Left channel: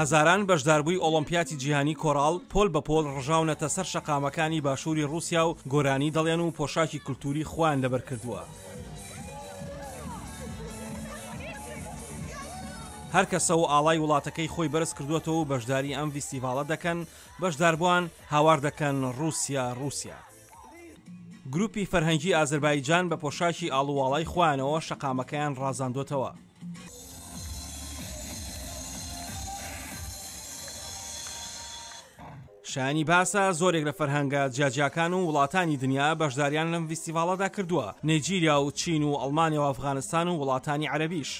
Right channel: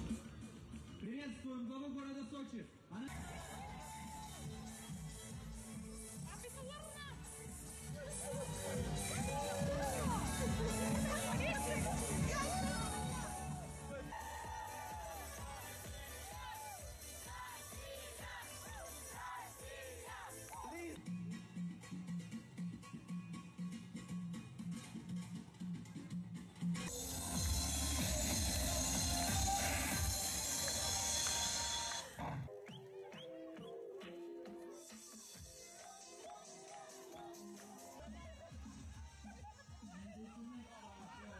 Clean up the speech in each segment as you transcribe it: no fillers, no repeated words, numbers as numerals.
هەزاران بەشداربووی ئۆلۆمپیاتی جیهانی کۆڕاڵ پۆل بە پۆل ڕژاونەتە سەر شەقامەکانی باشووری رووسیا و گۆرانی دەڵێن و پۆشاکی کولتوری خۆیان لەبەرکردووە. هەر کەسە و ئاڵای وڵاتەکەی خۆی بەرز کردوێتەوە و بەشداری ئەم فیستیڤاڵە دەکەن، بەشداربووان هاوار دەکەن رووسیا. گروپی فەرهەنگی ئازەربایجان بە پۆشاکی ئاڵوواڵای خۆیانەوە شەقامەکەیان ڕازاندۆتەوە. شایانی باسە زۆرێک لە فەرهەنگە جیاجیاکان و وڵاتانی دنیا بەشداریان لەم فیستیڤاڵەدا کردووە، نێجیریا و چین و ئەڵمانیا و ئەفغانستان و وڵاتانی عەرەبیش.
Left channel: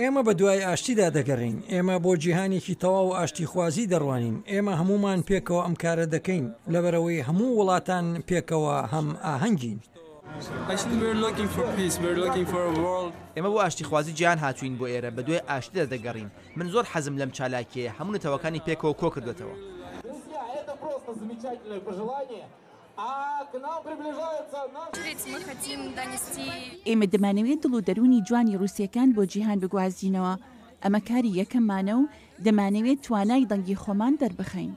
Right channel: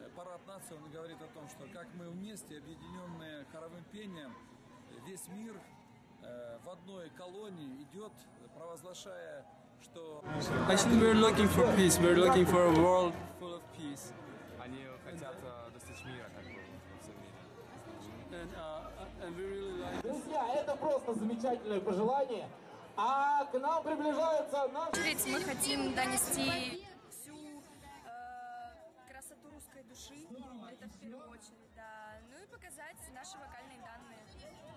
ئێمە بە دوای ئاشتیدا دەگەڕین، ئێمە بۆ جیهانێکی تەواو ئاشتی خوازی دەڕوانین، ئێمە هەمومان پێکەوە ئەم کارە دەکەین لەبەرەوەی هەموو وڵاتان پێکەوە هەم ئاهەنگین. ئێمە بۆ ئاشتی خوازی جیهان هاتوین بۆ ئێرە بە دوای ئاشتیدا دەگەڕین. من زۆر حەزم لەم چالاکیە هەموو نەتەوەکانی پێکەوە کۆ کردێتەوە. ئێمە دەمانەوێت دڵ و دەرونی جوانی رووسیەکان بۆ جیهان بگوازینەوە. ئەمە کاری یەکەممانە و دەمانەوێت توانای دڵگی خۆمان دەربخەین.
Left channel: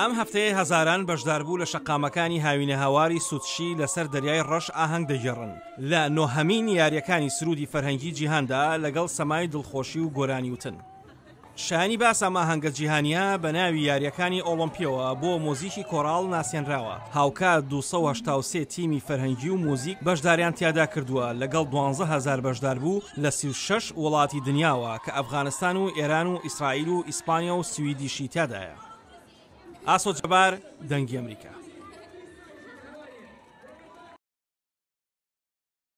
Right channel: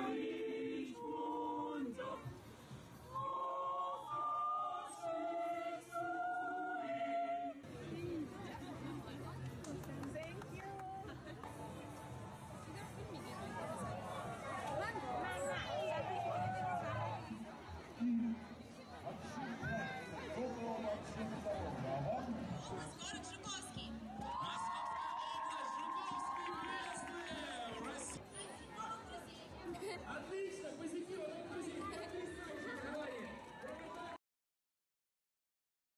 ئەم هەفتەیە هەزاران بەشداربوو لە شەقامەکانی هاوینە هاواری سوتشی لەسەر دەریای ڕەش ئاهەنگ دەگێڕن لە نۆهەمین یاریەکانی سرودی فەرهەنگی جیهاندا لەگەڵ سەمای دڵخۆشی و گۆرانی وتن. شایانی باس ئەم ئاهەنگە جیهانیە بە ناوی یاریەکانی ئۆلۆمپیەوە بۆ مۆزیکی کۆڕاڵ ناسێنراوە. هاوکات 283 تیمی فەرهەنگی و مۆزیک بەشداریان تیادا کردووە لەگەڵ 12,000 بەشدار بوو لە 36 وڵاتی دنیاوە کە ئەفغانستان و ئێران و ئیسرائیل و ئیسپانیا و سویدیشی تیادایە. ئاسۆ جەبار، دەنگی ئەمریکا.